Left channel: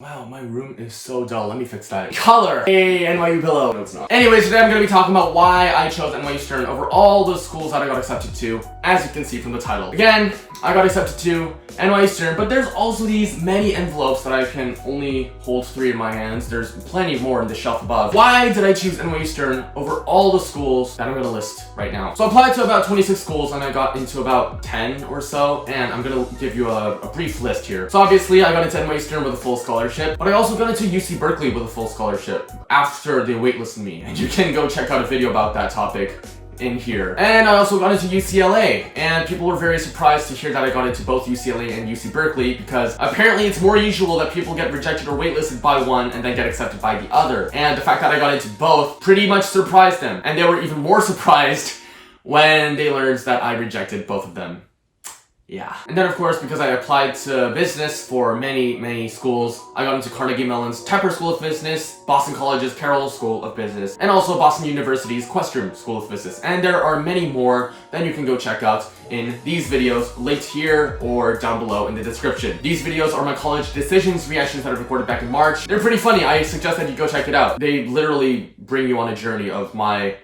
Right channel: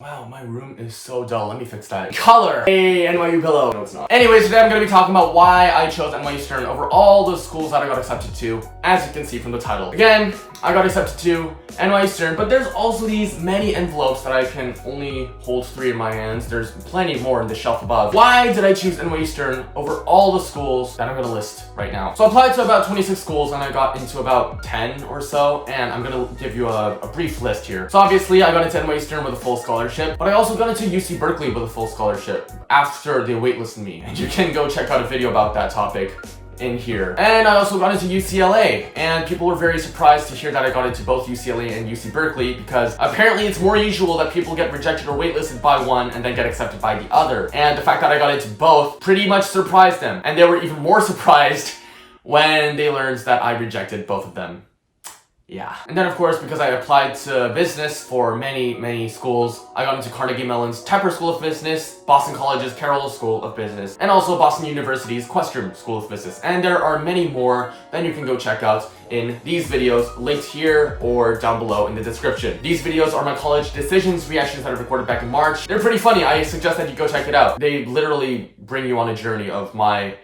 Wow, my room is so dull. Let me fix that. Color! Hey, NYU pillow. No, it's not. Anyways, today I'm going to be talking about why I chose NYU Stern over all the schools that I got accepted to, as you can see from the title. Again, I got accepted to NYU Stern, but there's also these many envelopes that I can only hold 3 in my hands. There's plenty more in the shelf above. Why did I choose NYU Stern over all the schools that I'm going to list right now? So I applied to about 26 schools and I got into about 10 or so, and I'm going to give you a brief list here. So obviously I got into NYU Stern with a full scholarship, but I also got into UC Berkeley with a full scholarship after they waitlisted me, and you can go check out a video about that topic in here. And I also got into UCLA, and people were very surprised to hear that I got into both UCLA and UC Berkeley, because apparently it's more usual that people get rejected or waitlisted by one and then get accepted by the other. And the fact that I got into both pretty much surprised them, and they were even more surprised when they learned that I rejected both of them. Yeah. And then of course, because I applied to business for many schools, I got into Carnegie Mellon's Tepper School of Business, Boston College's Carroll School of Business, and also Boston University's Questrom School of Business. And there are many more that you can go check out in these videos, linked here or down below in the description. These videos are my college decisions reactions that I recorded back in March. They're pretty funny. I suggest that you go check it out. They literally bring you on a journey of my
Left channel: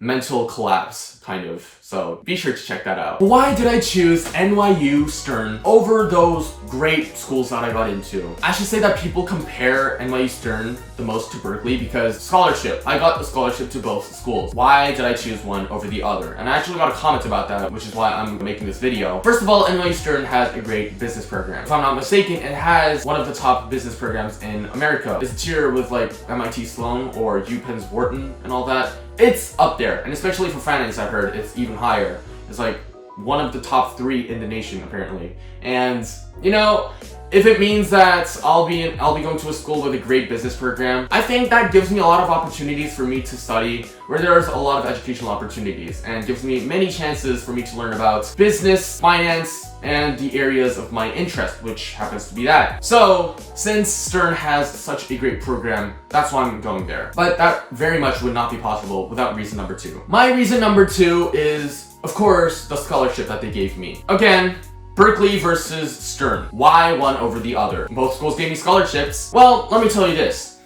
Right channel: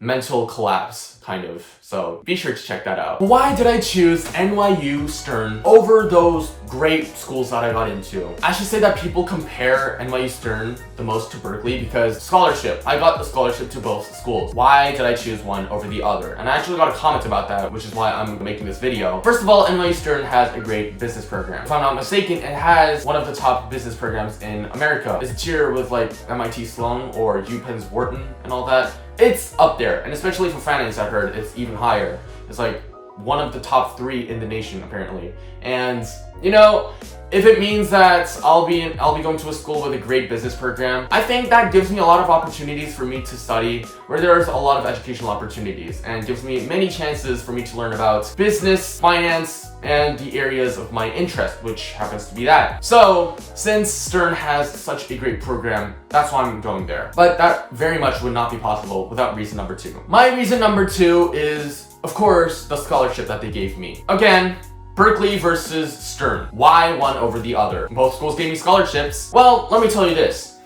mental collapse, kind of. So be sure to check that out. Why did I choose NYU Stern over those great schools that I got into? I should say that people compare NYU Stern the most to Berkeley because scholarship. I got a scholarship to both schools. Why did I choose one over the other? And I actually got a comment about that, which is why I'm making this video. First of all, NYU Stern has a great business program. If I'm not mistaken, it has one of the top business programs in America. It's a tier with like MIT Sloan or UPenn's Wharton and all that. It's up there, and especially for finance, I've heard it's even higher. It's like one of the top 3 in the nation, apparently. And you know, if it means that I'll be going to a school with a great business program, I think that gives me a lot of opportunities for me to study, where there's a lot of educational opportunities, and gives me many chances for me to learn about business, finance, and the areas of my interest, which happens to be that. So, since Stern has such a great program, that's why I'm going there. But that very much would not be possible without reason number 2. My reason number 2 is, of course, the scholarship that they gave me. Again, Berkeley versus Stern. Why one over the other? Both schools gave me scholarships. Well, let me tell you this.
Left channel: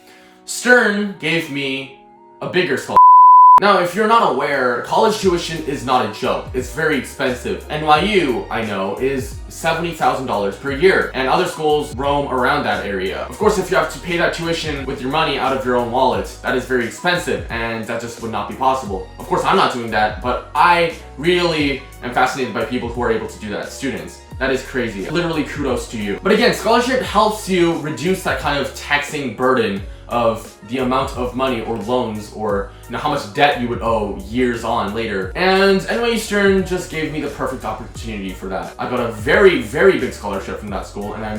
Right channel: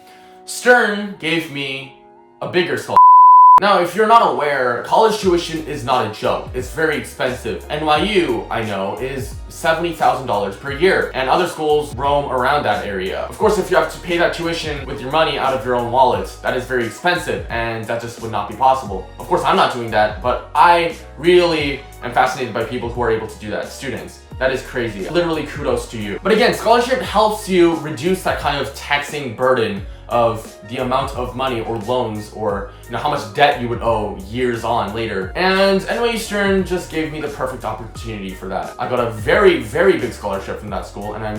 Stern gave me a bigger scholarship. Now, if you're not aware, college tuition is not a joke. It's very expensive. NYU, I know, is $70,000 per year, and other schools roam around that area. Of course, if you have to pay that tuition with your money out of your own wallet, that is very expensive, and that just would not be possible. Of course, I'm not doing that, but I really am fascinated by people who are able to do that. Students. That is crazy. Literally, kudos to you. But again, scholarship helps you reduce that kind of taxing burden of the amount of money or loans or how much debt you would owe years on later. And NYU Stern just gave me the perfect opportunity for that. I got a very big scholarship from that school, and I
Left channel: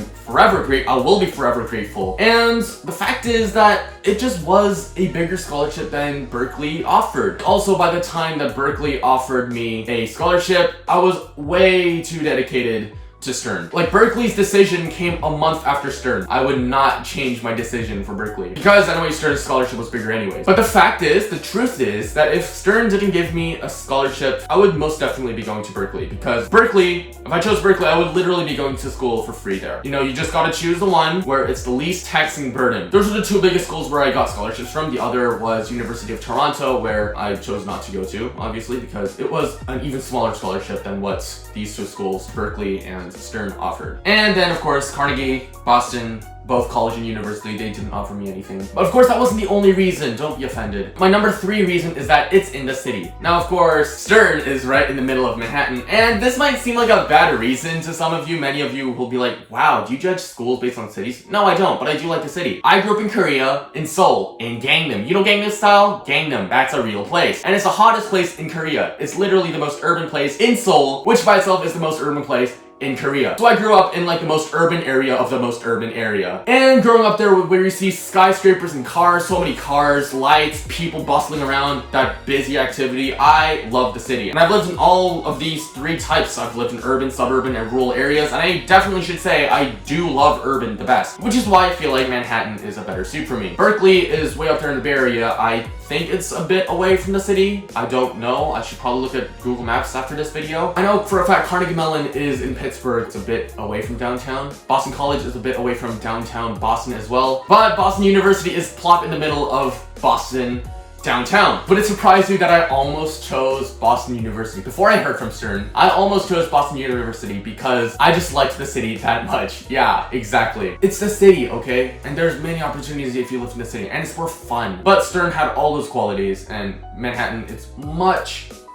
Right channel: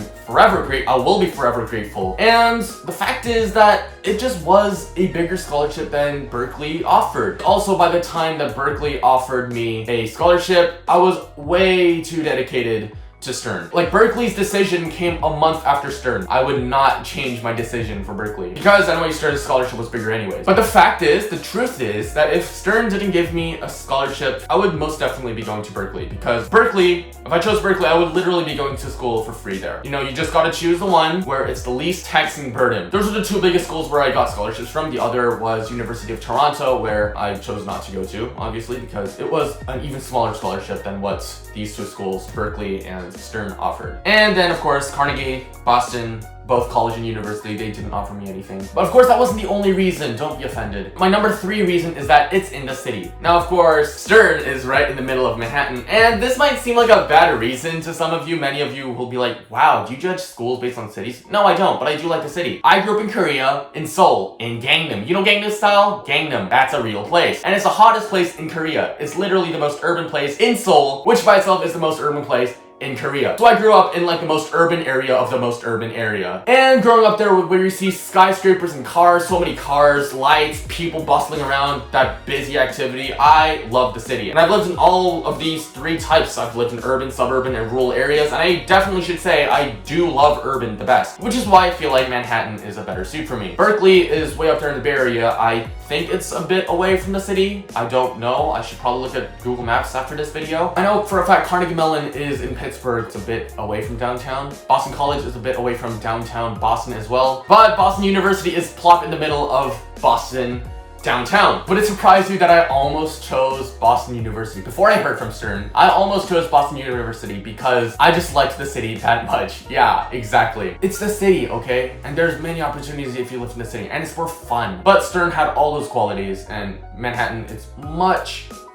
will be forever grateful. And the fact is that it just was a bigger scholarship than Berkeley offered. Also, by the time that Berkeley offered me a scholarship, I was way too dedicated to Stern. Like, Berkeley's decision came a month after Stern. I would not change my decision for Berkeley because NYU Stern's scholarship was bigger anyways. But the truth is that if Stern didn't give me a scholarship, I would most definitely be going to Berkeley, because Berkeley, if I chose Berkeley, I would literally be going to school for free there. You just gotta choose the one where it's the least taxing burden. Those are the 2 biggest schools where I got scholarships from. The other was University of Toronto, where I chose not to go to, obviously, because it was an even smaller scholarship than what these 2 schools, Berkeley and Stern, offered. And then of course Carnegie, Boston, both college and university, they didn't offer me anything. But of course that wasn't the only reason, don't be offended. My number 3 reason is that it's in the city. Now of course, Stern is right in the middle of Manhattan, and this might seem like a bad reason to some of you. Many of you will be like, wow, do you judge schools based on cities? No, I don't, but I do like the city. I grew up in Korea, in Seoul, in Gangnam. You know Gangnam style? Gangnam, that's a real place. And it's the hottest place in Korea. It's literally the most urban place in Seoul, which by itself is the most urban place in Korea. So I grew up in like the most urban area of the most urban area. And growing up there where you see skyscrapers and cars, so many cars, lights, people bustling around, that busy activity, I love the city. And I've lived in all of these 3 types. I've lived in urban, suburban, and rural areas, and I definitely should say I do love urban the best, which is why I feel like Manhattan is a better suit for me. Berkeley is way up there in the Bay Area. I think it's a bit away from the city. I don't know. I should probably look at Google Maps after this video. I know for a fact Carnegie Mellon is in Pittsburgh, Pittsburgh is a bit away from downtown. Boston College is a bit away from downtown Boston as well. But Boston University is plop in the middle of Boston downtown. But it surprised me that I almost chose Boston University. Before I heard from Stern, I almost chose Boston University because I just liked the city that much. Yeah, exactly. It's the city, okay? And there's many opportunities if you live in the city, and it's for fun. But Stern had all those qualities, and Manhattan is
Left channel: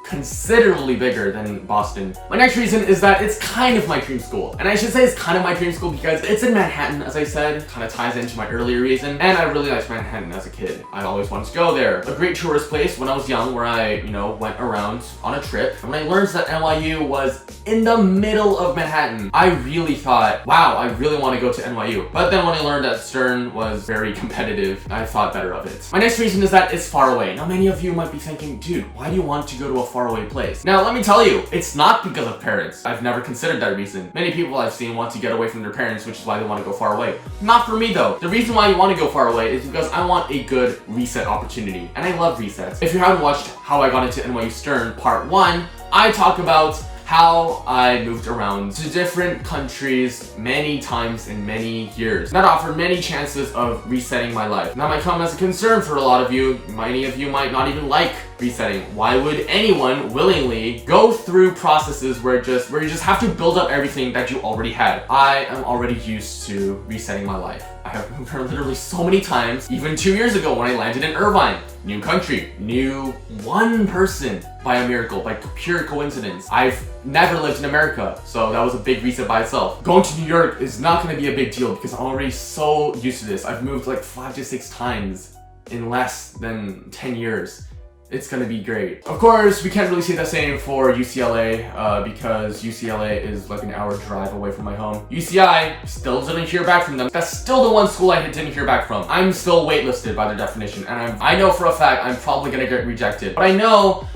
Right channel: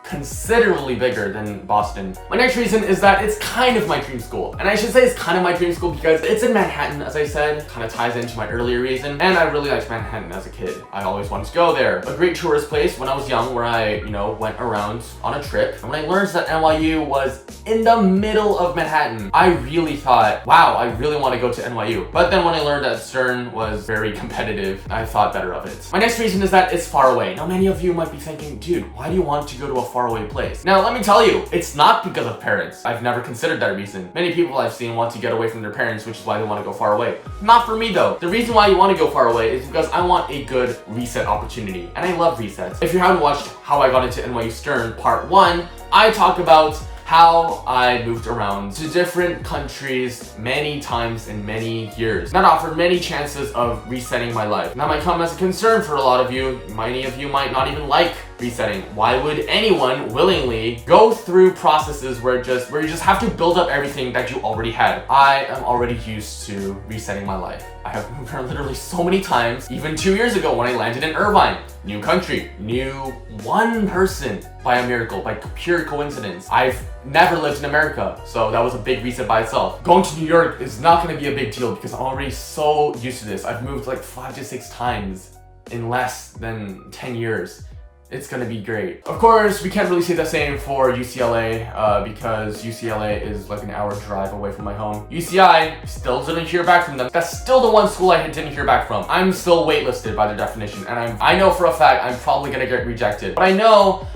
considerably bigger than Boston. My next reason is that it's kind of my dream school. And I should say it's kind of my dream school because it's in Manhattan, as I said, kind of ties into my earlier reason. And I really liked Manhattan as a kid. I always wanted to go there. A great tourist place when I was young where I, went around on a trip. And when I learned that NYU was in the middle of Manhattan, I really thought, wow, I really want to go to NYU. But then when I learned that Stern was very competitive, I thought better of it. My next reason is that it's far away. Now, many of you might be thinking, dude, why do you want to go to a faraway place? Now, let me tell you, it's not because of parents. I've never considered that reason. Many people I've seen want to get away from their parents, which is why they want to go far away. Not for me though. The reason why you want to go far away is because I want a good reset opportunity, and I love resets. If you haven't watched How I Got into NYU Stern Part 1, I talk about how I moved around to different countries many times in many years. That offered many chances of resetting my life. That might come as a concern for a lot of you. Many of you might not even like resetting. Why would anyone willingly go through processes where you just have to build up everything that you already had? I am already used to resetting my life. I have moved around literally so many times. Even 2 years ago when I landed in Irvine, new country, new one person by a miracle, by pure coincidence. I've never lived in America, so that was a big reset by itself. Going to New York is not going to be a big deal because I'm already so used to this. I've moved like 5 to 6 times in less than 10 years. It's gonna be great. Of course, we can't really say the same for UCLA because UCLA is like an hour drive away from my home. UCI, still didn't hear back from them. That's still the one school I didn't hear back from. I'm still waitlisted by their definition, and I know for a fact I'm probably gonna get rejected. But I know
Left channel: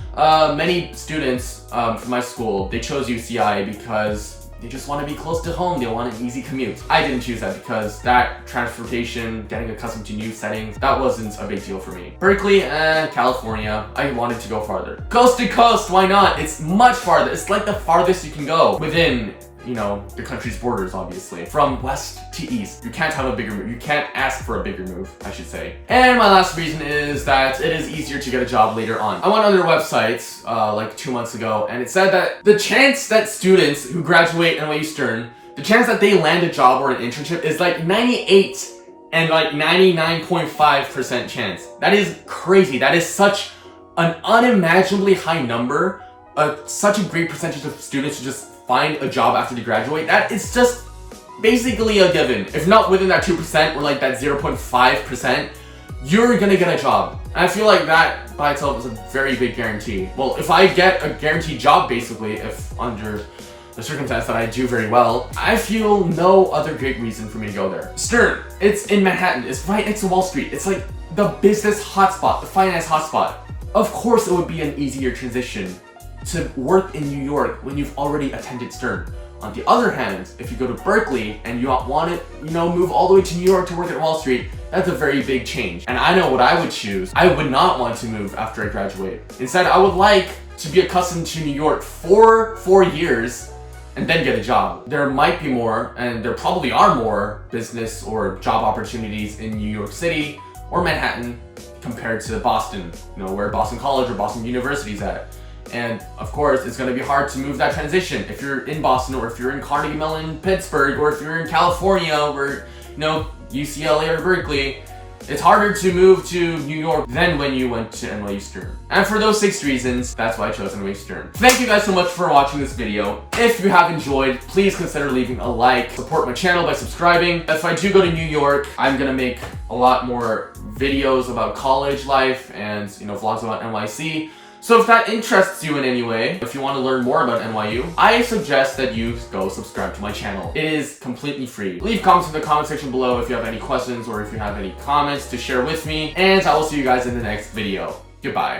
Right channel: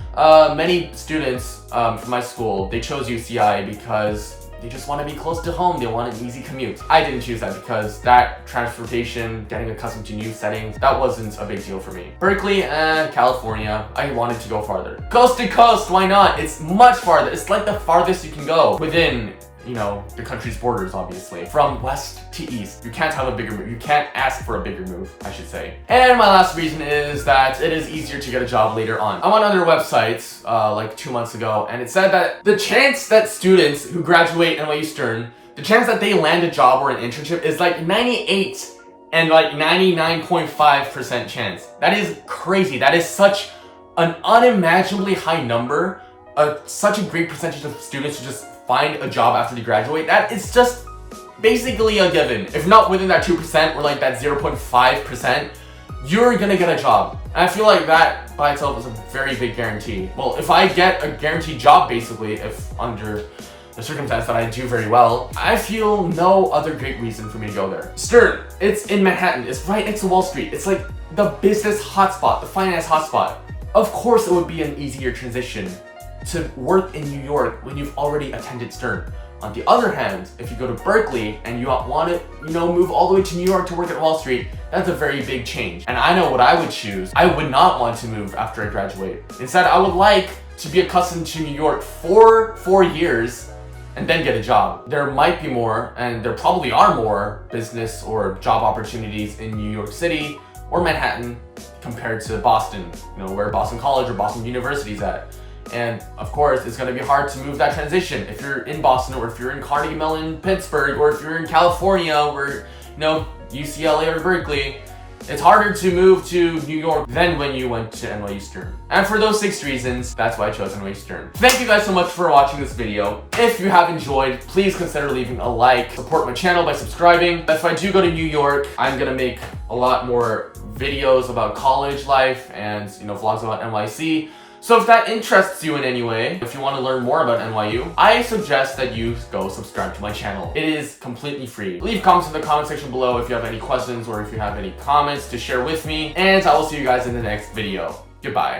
many students from my school, they chose UCI because they just want to be close to home. They want an easy commute. I didn't choose that because that transportation, getting accustomed to new settings, that wasn't a big deal for me. Berkeley and California, I wanted to go farther. Coast to coast, why not? It's much farther. It's like the farthest you can go within, the country's borders, obviously. From west to east. You can't have a bigger move. You can't ask for a bigger move, I should say. And my last reason is that it is easier to get a job later on. I went on their websites like 2 months ago, and it said that the chance that students who graduate NYU Stern, the chance that they land a job or an internship is like 98 and like 99.5% chance. That is crazy. That is such an unimaginably high number. Such a great percentage of students who just find a job after they graduate. That is just basically a given. If not within that 2% or like that 0.5%, you're gonna get a job. And I feel like that by itself is a very big guarantee. Well, if I get a guaranteed job, basically, if under the circumstance that I do very well, I feel no other great reason for me to go there. Stern, it's in Manhattan. It's right next to Wall Street. It's like the business hotspot, the finance hotspot. Of course, it would be an easier transition to work in New York when you've already attended Stern. On the other hand, if you go to Berkeley and you want to, move all the way to New York to work at Wall Street, that's a very big change. And I know what I would choose. I would not want to move after I graduate. Instead, I would like to be accustomed to New York for 4 years and then get a job. There might be more, and there probably are more business or job opportunities in New York City or Manhattan compared to Boston, where Boston College or Boston University is at. And of course, it's going to be hard to move that transition. If you're in Boston, or if you're in Carnegie Mellon, Pittsburgh, or if you're in California, or UCLA or Berkeley, it's harder to move to New York than when you went to NYU Stern. And for those 6 reasons, that's why I chose NYU Stern. Thank you guys so much for watching this video. If you have enjoyed, please consider leaving a like. Support my channel by subscribing. If I do go to New York, I'm gonna make a lot more videos about college life and vlogs about NYC. So if that interests you in any way, if you want to learn more about NYU, I suggest that you go subscribe to my channel. It is completely free. Leave comments in the comment section below if you have any questions or if you have any comments to share with me, and I will see you guys in the next video. Goodbye.